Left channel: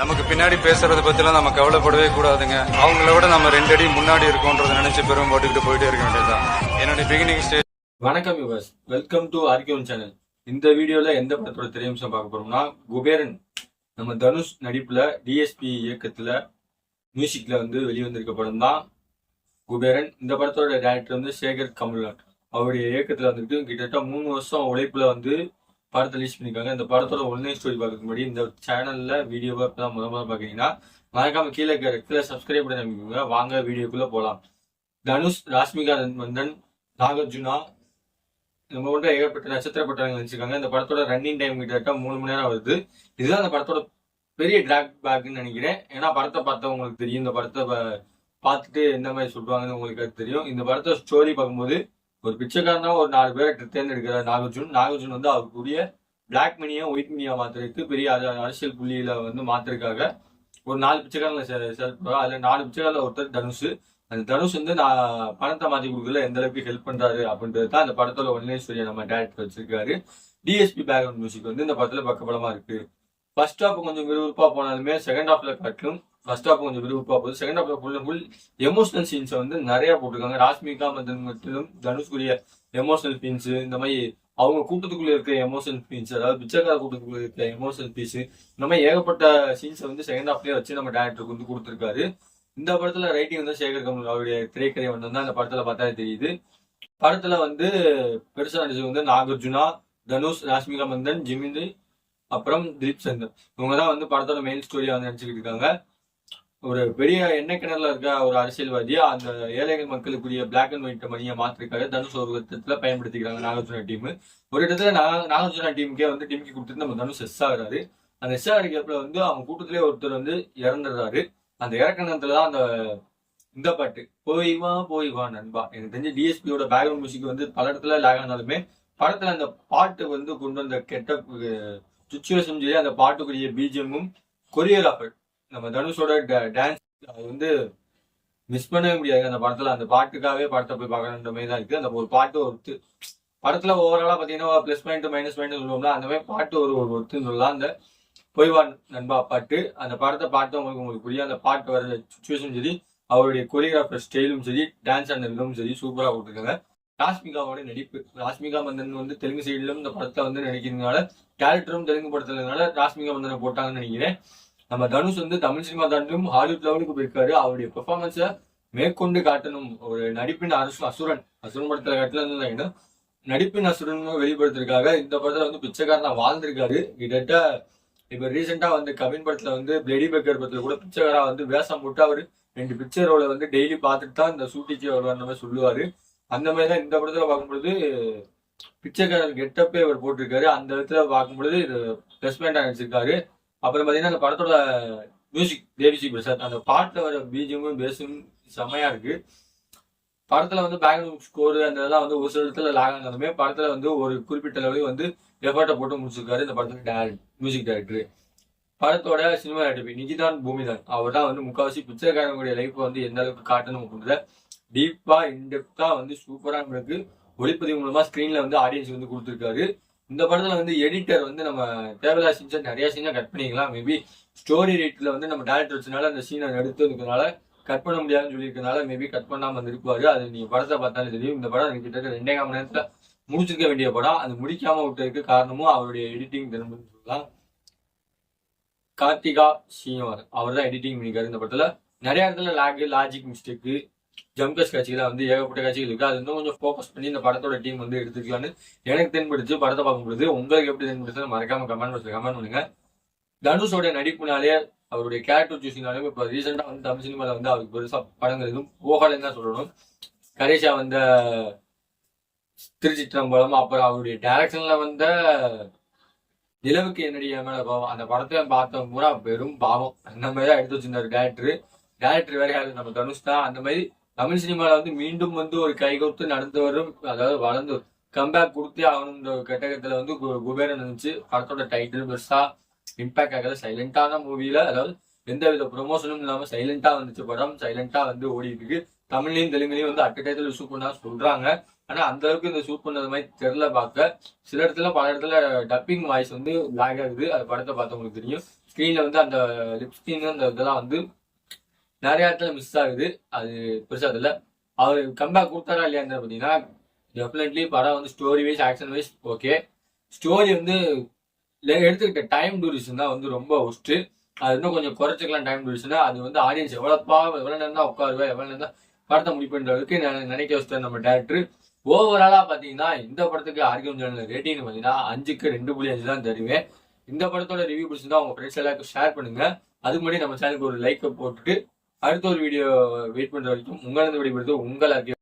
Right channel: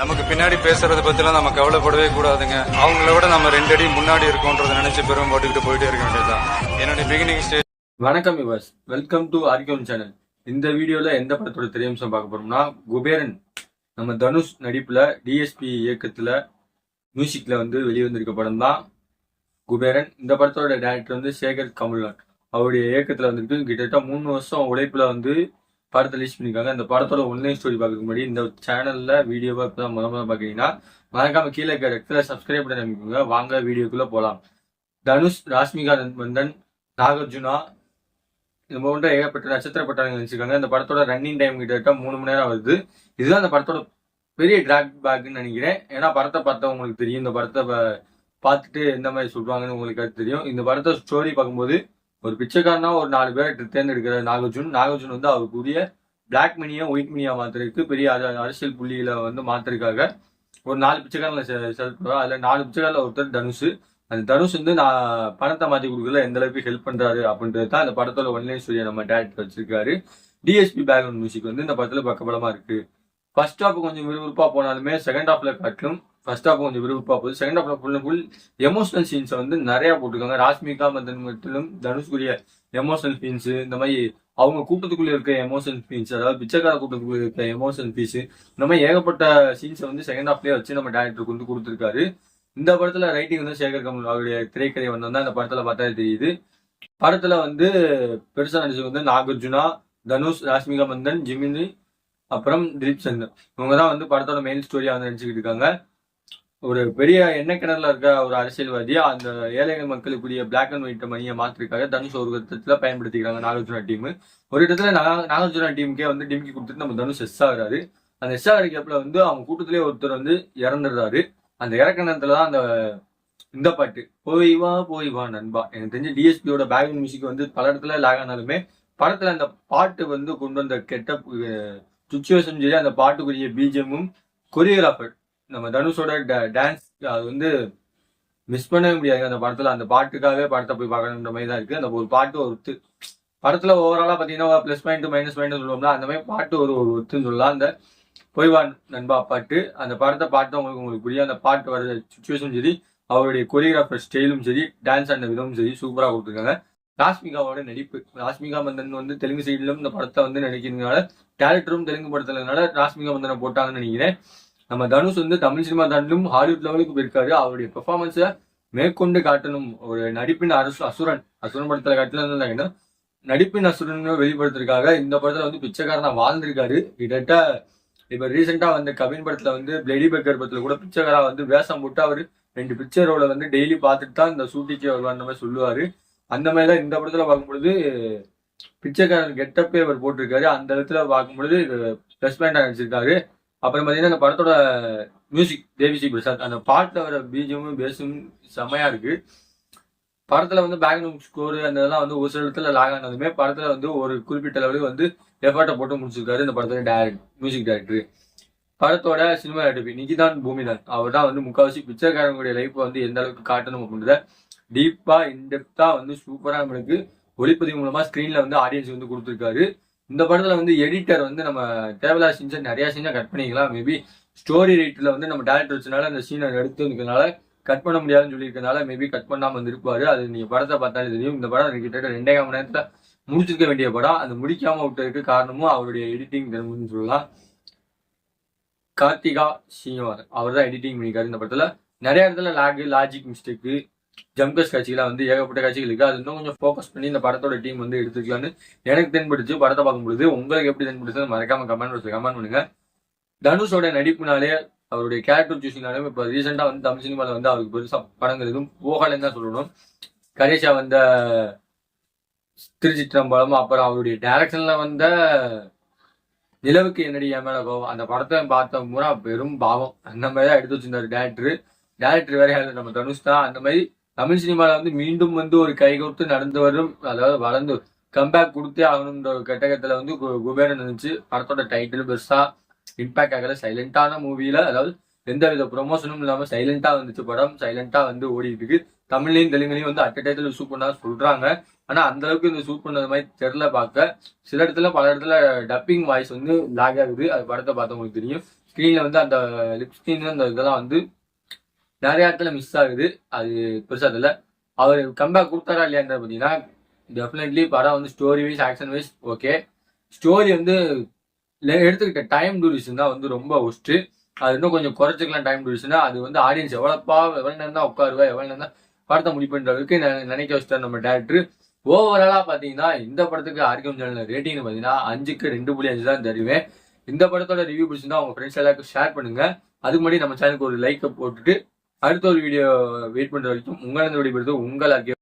நமக்கு பின்னாடி பேசுறத பத்திலாம் நம்ம கவலைப்படவே கூடாதுங்க. அவங்கள விட நம்ம 2 அடி முன்னாடி இருக்கோன்றதை நினைச்சு பெரும் போட்டுக்கிட்டு போயிட்டே இருக்க வேண்டியதுதான். என்னுடைய பிகினிங் ஸ்டேஜ். வணக்கம் யுவர்ஸ், வெல்கம் டு ஆர்கியூன் சேனல். இந்த வீடியோல எந்த படத்தோட திரையம்சம் பார்க்க போறோம்னா, குபேரன் நம்ம தனுஷ் நடிப்புல டிஎஸ்பி இயக்கத்துல மியூசிக்ல வெளிவந்திருக்க படம் தான் குபேரன். இந்த படத்தோட டைரக்டர் சேகர் கமல்நாத். அவருடைய இயக்கத்துல வந்துருக்கு. கிட்டத்தட்ட 3 வருஷம் உழைப்புல படத்தை ரிலீஸ் பண்ணிருக்காங்க. இந்த படத்தோட ஒன்லைன் ஸ்டோரி பார்க்கறதுக்கு முன்னாடி இந்த சேனல்ல வீடியோவை இப்பதான் முதல்ல பாக்குறீங்கன்னா மறக்காம கீழே இருக்க ரெக்டில் சப்ஸ்கிரைப் பண்ணி நம்பிக்கோங்க. வாங்க வீடியோக்குள்ள போலாம். தனுஷ், ராஷ்மிகா மந்தன், நாகார்ஜுனா, நம்ம கொண்ட ஏகப்பட்ட நட்சத்திர பட்டாளங்கள் நினைச்சிருக்காங்க. இந்த படத்தோட ரன்னிங் டைம் கிட்டத்தட்ட 3 மணி நேரம் வருது. இதுதான் இந்த படத்தோட பெரிய டிராக் பேக்னு நினைக்கிறேன். ஏன்னா படத்தை பார்த்தா உங்களுக்கு தெரியும். இந்த படத்தை பார்த்துட்டு எந்த மாதிரி சொல்றாங்கன்னு உங்களுக்கு அது தெரியும். இந்த படத்தை ஸ்டோரி பார்க்கும்போது ஒரு பிச்சைக்காரனா ஒரு 4 பேரை தேர்ந்தெடுக்கிறார் நாகார்ஜுன். அவருக்குரிய பிளாக் மணியா ஒயிட் மணியா மாத்துறதுக்கு பெரிய அரசியல் புள்ளியில மாத்துறதுக்காக ஒரு 4 பிச்சைக்காரங்களை செலக்ட் பண்ணுவார். அதுல 4 பிச்சைக்காரில் ஒருத்தர் தனுஷ். அந்த தனுஷ் நான் பணத்தை மாத்தி கொடுக்கல எந்த அளவுக்கு ஹெல்ப் பண்றாரு அப்படின்றது தான் இந்த படத்தோட ஒன்லைன் ஸ்டோரியை நம்ம டேரக்டர் வச்சிருக்காரு. டிஎஸ்பி பேக்ரவுண்ட் மியூசிக் இந்த படத்துல பக்கபலமா இருக்கு. ஃபர்ஸ்ட் ஹாஃப் கொஞ்சம் விறுவிறுப்பா போனாலுமே செகண்ட் ஹாஃப்ல காட்டிலும் ஃபர்ஸ்ட் ஹாஃப் கொஞ்சம் விறுவிறுப்பா போகுது. செகண்ட் ஹாஃப்ல ஃபுல் எமோஷனல் சீன்ஸ் நிறைய போட்டிருக்காங்க. ராஷ்மிகா மந்தன் மட்டும் தனுஷ்குரிய எமோஷனல் சீன்ஸ், இந்த மாதிரி அவங்க கூட்டத்துக்குள்ள இருக்க எமோஷனல் சீன்ஸ், அதாவது பிச்சைக்கார கூட்டத்துக்குள்ள இருக்க எமோஷனல் பீஸ், இந்த மாதிரி ஏகப்பட்ட சீன்ஸை செகண்ட் ஹாஃப்லயே வச்சு நம்ம டேரக்டருக்கு கொடுத்துருக்காரு. இந்த படத்துல ரைட்டிங் சேகர் கமல் அவருடைய திரைக்கதை வந்தா இந்த படத்துல பார்த்தாலே தெரியுது. படத்துல பெருசா நடிச்சது நாகார்ஜுனா, தனுஷ், ராஷ்மிகா மந்தன், ஜிமினி, அப்புறம் திலீப் சந்தர். இவங்க தான் படத்தோட மெயின் ஸ்டோரியா நடிச்சுக்கிட்டு இருக்காங்க. ஒரு பெரிய எண்ணெய் கிணறுல இருக்க ஒரு அரசியல்வாதியா அந்த ஏழைகள் மக்களுக்குரிய பிளாக் அண்ட் ஒயிட் மணியை மாத்திருக்காங்க தனுஷ் ஒரு விதத்துல பயன்படுத்திக்கிறாங்க நாகார்ஜுனா டீம். ஒரு இடத்துல நாகார்ஜுனா டீமுக்கே டிமிக்கி கொடுத்துட்டு நம்ம தனுஷ் எஸ் ஆகுறாரு. அந்த எஸ் ஆகிறப்பல அவங்க கூட்டத்திலே ஒருத்தர் இறந்துடுறாரு. அந்த இறக்கணத்துல தான் இந்த பாட்டு போய் வா நண்பா. எனக்கு தெரிஞ்ச டிஎஸ்பியோட பேக்ரவுண்ட் மியூசிக் பல இடத்துல லேக் ஆனாலுமே படத்துல அந்த பாட்டு கொண்டு வந்த கெட்ட சுச்சுவேஷன் சரி, அந்த பாட்டுக்குரிய பிஜிஎம்மும் கொரியோகிராஃபர் நம்ம தனுஷோட டான்ஸ் அது மிஸ் பண்ணவே முடியாது. அந்த படத்துல அந்த பாட்டுக்காகவே படத்தை போய் பார்க்கணுன்ற மாதிரி தான் இருக்கு. அந்த ஒரு பாட்டு ஒருத்து படத்துல ஓவராலா பாத்தீங்கன்னா ப்ளஸ் பாயிண்ட் மைனஸ் பாயிண்ட் சொல்லுவோம்ல, அந்த மாதிரி பாட்டு ஒரு ஒத்துன்னு சொல்லலாம். அந்த பொய்வான் நண்பா பாட்டு, அந்த படத்தை பாட்டு உங்களுக்கு புரியும். அந்த பாட்டு வர சுச்சுவேஷன் சரி, அவருடைய கொரியோகிராஃபர் ஸ்டைலும் சரி, டான்ஸ் ஆன விதமும் சரி சூப்பரா கொடுத்துருக்காங்க. ராஷ்மிகாவோட நடிப்பு, ராஷ்மிகா மந்தன் தெலுங்கு சைட்லும் இந்த படத்தை நடிக்கிறதுனால, டேரக்டரும் தெலுங்கு படத்துலனால ராஷ்மிகா மந்தனை போட்டாங்கன்னு நினைக்கிறேன். நம்ம தனுஷ் தமிழ் சினிமா தாண்டிலும் ஹாலிவுட் லெவலுக்கு போயிருக்காரு. அவருடைய பெர்ஃபார்மன்ஸை மேற்கொண்டு காட்டணும். ஒரு நடிப்பின் அசுரன் படத்துல காட்டல நடிப்பின் அசுரன் வெளிப்படுத்துறதுக்காக இந்த படத்துல பிச்சைக்காரனா வாழ்ந்திருக்காரு. கிட்டத்தட்ட இப்ப ரீசெண்டா கவின் படத்துல பிளேடி பெக்கர் படத்துல கூட பிச்சைக்காரா வேஷம் போட்டு அவரு 2 பிக்சர் ரோல டெய்லி பார்த்துட்டு தான் இந்த ஷூட்டிங்கே வருவார் மாதிரி சொல்லுவாரு. அந்த மாதிரிதான் இந்த படத்துல பார்க்கும்பொழுது பிச்சைக்காரன் கெட்டப்பே அவர் போட்டிருக்காரு. அந்த இடத்துல பார்க்கும்பொழுது பிளஸ் பாயிண்டா நடிச்சிருக்காரு. அப்புறம் பாத்தீங்கன்னா அந்த படத்தோட மியூசிக் தேவிஸ்ரீ பிரசாத், அந்த பாட்டுல வர பீஜமும் பேஸும் செமையா இருக்கு. படத்துல பேக்ரவுண்ட் ஸ்கோர் அந்த இதெல்லாம் ஒரு சில இடத்துல லாக் ஆனாலுமே படத்துல ஒரு குறிப்பிட்ட அளவுக்கு எஃபர்ட்டை போட்டு முடிச்சிருக்காரு இந்த படத்தோட மியூசிக் டைரக்டர். படத்தோட சினிமா டைரக்டர் நிகிதான் பூமிதான். அவர் தான் முக்காவாசி பிச்சைக்காரங்களுடைய லைஃப் எந்த அளவுக்கு காட்டணும் அப்படின்றத டீப்பா இன்டெப்தா சூப்பரா நம்மளுக்கு ஒளிப்பதிவு மூலமா ஸ்கிரீன்ல ஆடியன்ஸ் கொடுத்துருக்காரு. இந்த படத்துல எடிட்டர் நம்ம தேவையில்லாத சீன்ஸை நிறைய சீனை கட் பண்ணிக்கலாம். மேபி ஸ்டோரி ரைட்ல நம்ம டேரக்டர் வச்சனால அந்த சீனை எடுத்துனால கட் பண்ண முடியாதுன்னு சொல்லியிருக்கனால மேபி கட் பண்ணாம இருப்பாரு. அது நீங்க படத்தை பார்த்தாலே தெரியும். இந்த படம் கிட்டத்தட்ட 2.5 மணி நேரத்துல முடிச்சிருக்க வேண்டிய படம். அது முடிக்காம விட்டதுக்கு காரணமும் அவருடைய எடிட்டிங் திறமைன்னு சொல்லலாம். கார்த்திகா ஸ்ரீனிவாசன் அவர் தான் எடிட்டிங் பண்ணிக்காரு. இந்த படத்துல நிறைய இடத்துல லாஜிக் மிஸ்டேக்கு, ஜம்கஸ் காட்சிகளாக ஏகப்பட்ட காட்சிகள் இருக்கு. அது இன்னும் கொஞ்சம் ஃபோக்கஸ் பண்ணி இந்த படத்தோட டீம் எடுத்துக்கலான்னு எனக்கு தென்படுச்சு. படத்தை பார்க்கும்பொழுது உங்களுக்கு எப்படி தென்படுச்சு மறக்காம கமெண்ட் பாக்ஸ்ல கமெண்ட் பண்ணுங்க. தனுஷோட நடிப்புனாலே அவருடைய கேரக்டர் சூசிங்னாலே இப்போ ரீசெண்டா தமிழ் சினிமால அவருக்கு பெருசா படங்கள் எதுவும் போகலன்னு தான் சொல்லணும். கடைசியா திருச்சிற்றம்பலம், அப்புறம் அவருடைய டைரக்ஷன்ல நிலவுக்கு என்னடி என் மேல கோவம், அந்த படத்தை பார்த்த பூரா பெரும் பாவம். அந்த மாதிரி தான் எடுத்து வச்சிருந்தாரு டேரக்டர் வேற யாரு நம்ம தனுஷ் தான். அந்த மாதிரி தமிழ் சினிமால மீண்டும் ஒரு கைகோர்த்து நடந்து வரும், அதாவது வளர்ந்து கம்பேக் கொடுத்தே ஆகணும்ன்ற ஒரு கட்டகத்துல குபேரன் இருந்துச்சு. படத்தோட டைட்டில் பெருசா இம்பாக்ட் ஆகல. சைலண்டான மூவில, அதாவது எந்த வித ப்ரொமோஷனும் இல்லாம சைலண்டா வந்துச்சு படம். சைலண்டா ஓடிட்டு இருக்கு. தமிழ்லையும் தெலுங்குலையும் அட் டயத்துல ஷூட் பண்ணா சொல்றாங்க. ஆனா அந்த அளவுக்கு இந்த ஷூட் பண்ணது மாதிரி தெரியல பார்க்க. சில இடத்துல பல இடத்துல டப்பிங் வாய்ஸ் லாக் ஆகுது. அது படத்தை பார்த்தவங்களுக்கு தெரியும். ஸ்க்ரீனில் வந்து அந்த லிப் ஸ்க்ரீன் அந்த இதெல்லாம் வந்து நிறைய இடத்துல மிஸ் ஆகுது. அது பெருசாக தெரியல. அவர் கம்பேக் கொடுத்தாரா இல்லையான்னு பார்த்தீங்கன்னா டெஃபினெட்லி படம் வந்து story wise action wise okay. Story வந்து எடுத்துக்கிட்ட டைம் டூரேஷன் தான் வந்து ரொம்ப ஒஸ்ட்டு. அது இன்னும் கொஞ்சம் குறைச்சிக்கலாம் டைம் டூரேஷனா. அது வந்து ஆடியன்ஸ் எவ்வளோ நேரம் தான் உட்காருவேன், எவ்வளோ நேரம் தான் படத்தை முடிப்புன்ற அளவுக்கு நினைக்க வச்சுட்டார் நம்ம டேரக்டர். ஓவராலாக பார்த்தீங்கன்னா இந்த படத்துக்கு ஆர்கியம் சேனல் ரேட்டிங்னு பார்த்தீங்கன்னா 5க்கு 2.5 தான் தருவேன். இந்த படத்தோட ரிவ்யூ பிடிச்சிருந்தா உங்கள் ஃப்ரெண்ட்ஸ் எல்லாருக்கும் ஷேர் பண்ணுங்க. அதுக்கு முன்னாடி நம்ம சேனலுக்கு ஒரு லைக்கை போட்டுட்டு அடுத்த ஒரு வீடியோ வெயிட் பண்ணுற வரைக்கும் உங்களிருந்து விடைபெறுவது உங்கள் ஆர்கியம்.